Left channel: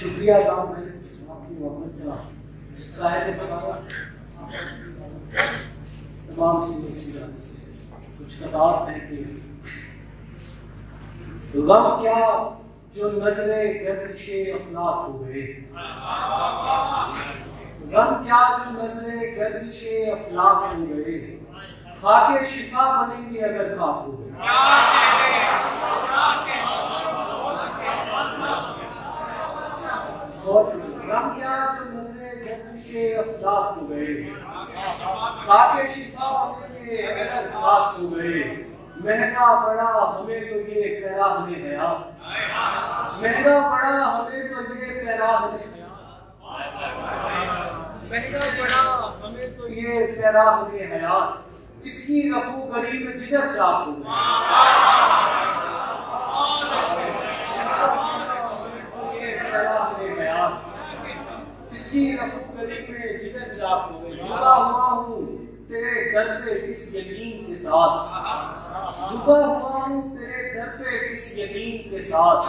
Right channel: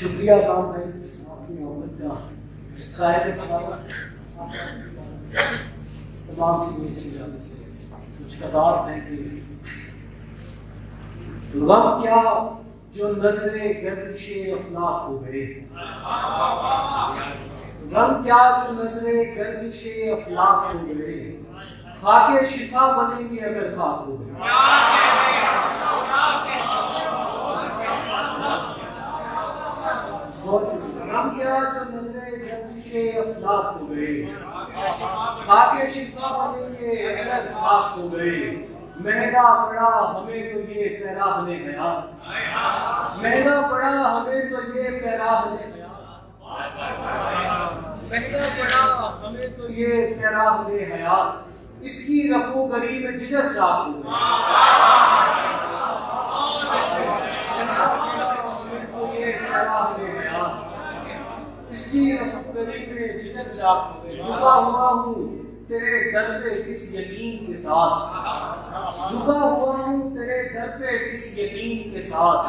शुक्रिया काम है मोहम्मद का शायद तमाम चीजें से कुछ कतार है कि गम क्या जो नजरे गर्दिशे अफलाक हो गए, गम क्या जो नजरे गर्दिशे अफलाक हो गए, खाके शिफा बनेंगे अगर खाक हो गए। गम क्या जो नजरे गर्दिशे अफलाक हो गए, खाके शिफा बनेंगे अगर खाक हो गए। महंगा पड़ा हमें तो ये पैराहने हयात, महंगा पड़ा हमें तो ये पैराहने हयात, महंगा पड़ा हमें तो ये पैराहने हयात। इसकी रफू गरी में जिगर चाक हो गई, इसकी रफू गरी में जिगर चाक हो गई। झुका हुआ हूँ तेरे दर पे किस यकीन के साथ, झुका हुआ हूँ तेरे दर पे किस यकीन के साथ।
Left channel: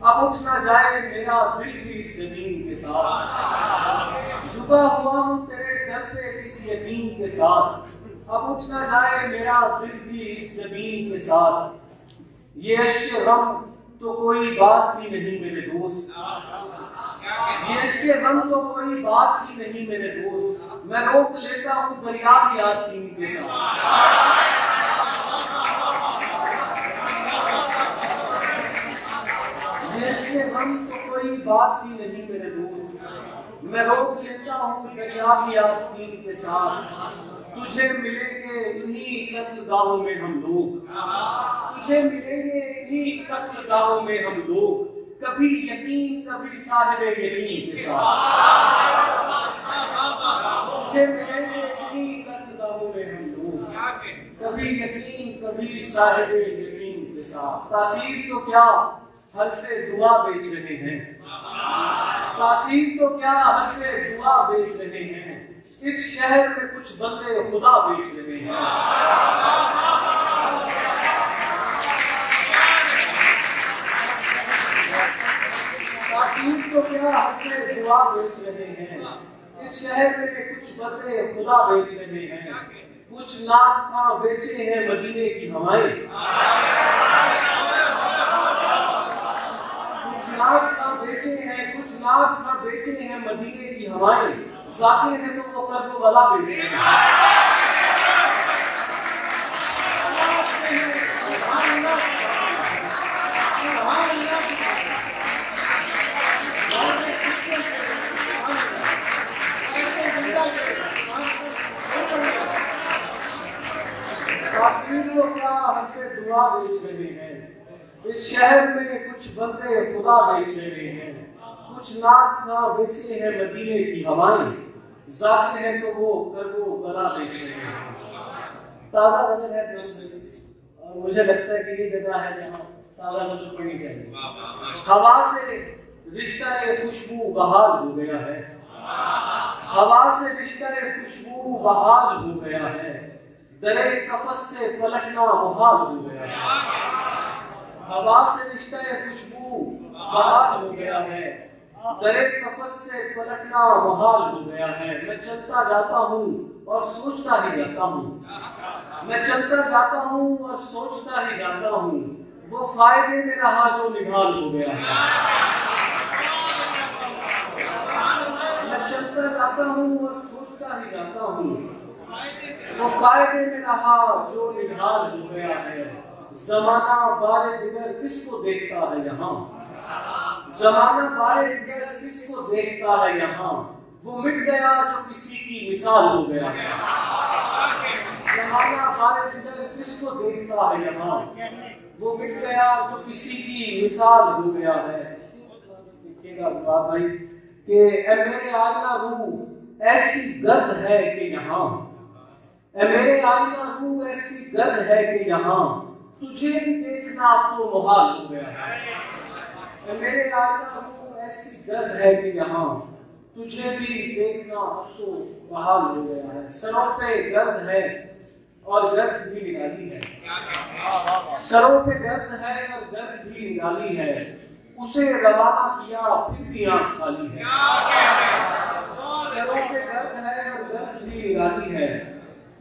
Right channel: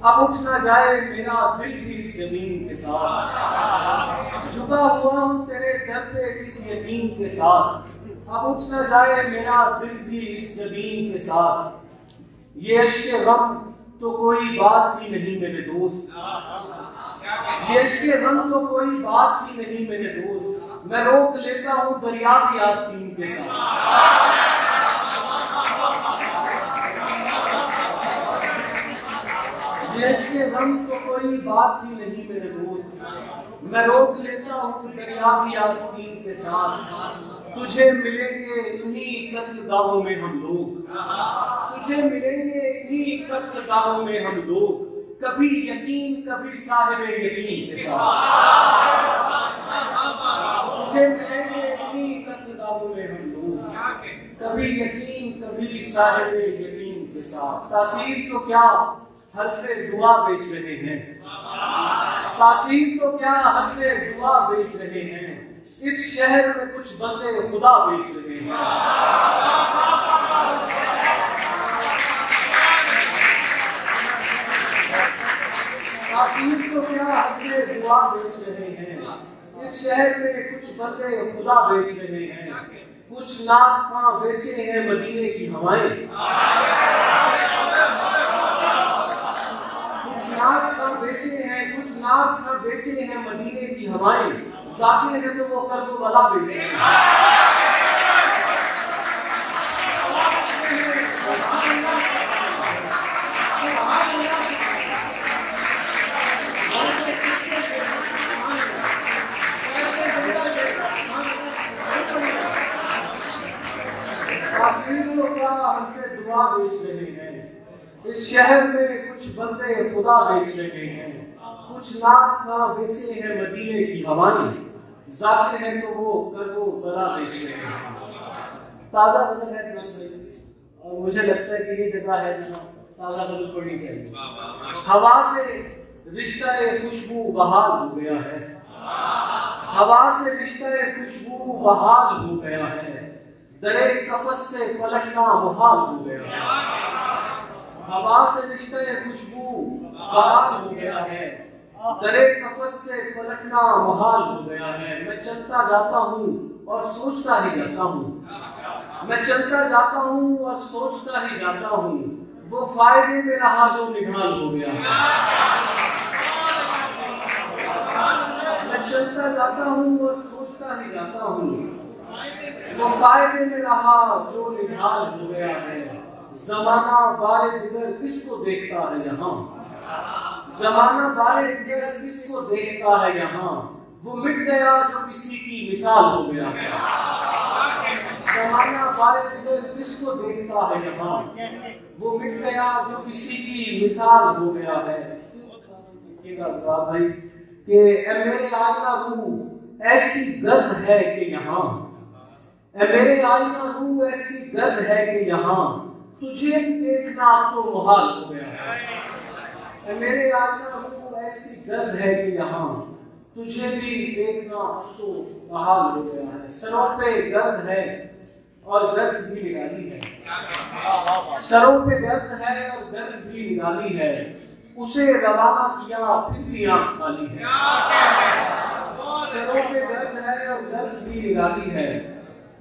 अब उठ ना जाए मेरा दिल भी इस जमीन के साथ, झुका हुआ हूँ तेरे दर पे किस यकीन के साथ। अब उठ ना जाए मेरा दिल भी इस जमीन के साथ। ये अश्के गम तो कोई बात ही नहीं मेरे दोस्त, ये अश्के गम तो कोई बात ही नहीं मेरे दोस्त। मैं रोक लेता हूँ दरिया की आस्तीन के साथ, ये अश्के गम तो कोई बात ही नहीं मेरे दोस्त। मैं रोक लेता हूँ दरिया की आस्तीन के साथ। तुझे मिलेंगे इन्हीं कत्लगाहों में हम लोग, तुझे मिलेंगे इन्हीं कत्लगाहों में हम लोग। कभी यकीन कभी साहिबे यकीन के साथ, तुझे मिलेंगे इन्हीं कत्लगाहों में हम लोग। कभी यकीन कभी साहिबे यकीन के साथ। तासीर तो क्या हल्फे दुआ बेच रहे हैं, तासीर तो क्या हल्फे दुआ बेच रहे हैं। इस शहर में कुछ बंदे खुदा बेच रहे हैं, तासीर तो क्या हल्फे दुआ बेच रहे हैं। इस शहर में कुछ बंदे खुदा बेच रहे हैं। कुछ नाक खां बेचे हैं मदीने की हवाएं, बेचे हैं कुछ नाक का बेचे हैं मदीने की हवाएं। जाकिर है तो वो कर दो बला बेचे हैं। क्या हमसे दुआ बेच रहे हैं। इस शहर में कुछ बंदे खुदा बेच रहे हैं। कुछ नाक ना बेचे हैं मदीने की हवाएं। जाकिर है तो वो कर दो बला बेच रहे हैं। ताजा नजर है और मुझे लगता है कि ये जगह है जहाँ ताजा नजर पड़नी चाहिए। हवा से रिश्ता खुशबू बहाल हो गया है, हवा से रिश्ता खुशबू बहाल हो गया है। दरे कफस से पलटना मुहाल हो गया है, हवा से रिश्ता खुशबू बहाल हो गया है। दरे कफस से पलटना मुहाल हो गया है। मैं चलता जाता हूँ और सोचता ही जाता हूँ, मैं चलता जाता हूँ और सोचता ही जाता हूँ। वो फायदे में रहा जो निढाल हो गया है। मैं चलता जाता हूँ और सोचता ही जाता हूँ। वो फायदे में रहा जो निढाल हो गया है। जमाना बारे दिगर किसको देखता है यहाँ, जमाना बारे दिगर किसको देखता है यहाँ। वो मिट गया जो किसी की मिसाल हो गया है। जमाना बारे दिगर किसको देखता है यहाँ। वो मिट गया जो किसी की मिसाल हो गया है। भाई कि मेरे आईना रूह ऐसी गर्द है कि यहाँ, मेरे आईना रूह ऐसी गर्द है कि यहाँ। तुझे भी देखना तो मुहाल हो गया है। मेरे आईना रूह ऐसी गर्द है कि यहाँ। तुझे भी देखना तो मुहाल हो गया है। सरों पे गर्द है और गर्द भी निकाली है, सरों पे गर्द है और गर्द भी निकाली है। उसे रवाना किया फिर भी आंख खाली है। सरों पे दर्द है और दर्द भी निराली है,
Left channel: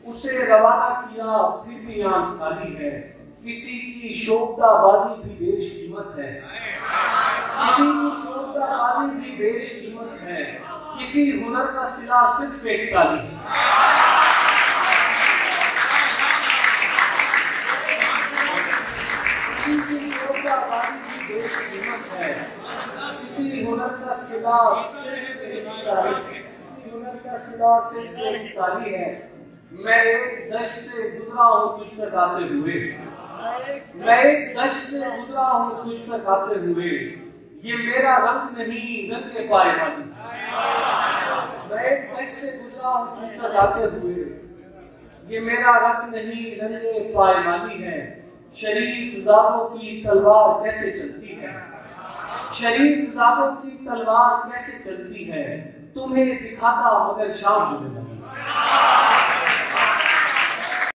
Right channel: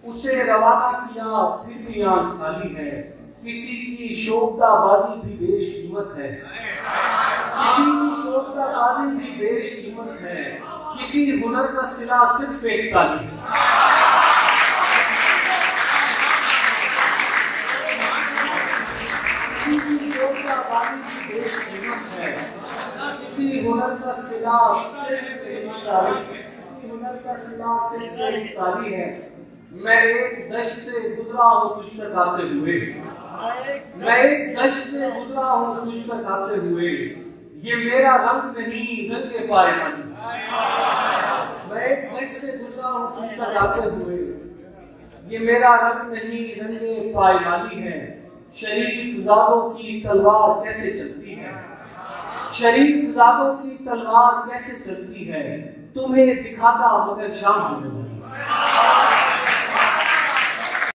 उसे रवाना किया फिर भी आंख खाली है। किसी की शोभताबाजी भी बेशकीमत है, किसी की शोभताबाजी भी बेशकीमत है, किसी हुनर का सिला सिर्फ एक ताली है। किसी की शोभताबाजी भी बेशकीमत है, किसी हुनर का सिला सिर्फ एक ताली, किसी हुनर का सिला सिर्फ एक ताली है। मैं एक दश्त से गुजरा हूँ तुझ तक आते हुए, मैं एक दश्त से गुजरा हूँ तुझ तक आते हुए, ये मेरा रंग नहीं रंग पाए मन। मैं एक दश्त से गुजरा हूँ तुझ तक आते हुए, ये मेरा रंग नहीं रंग पायमानी है। शरीफ ज़ादों की तलवार कैसे चलती है, शरीफ ज़ादों की तलवार कैसे चलती है, तुम्हें दिखाता मगर शाम हो गई।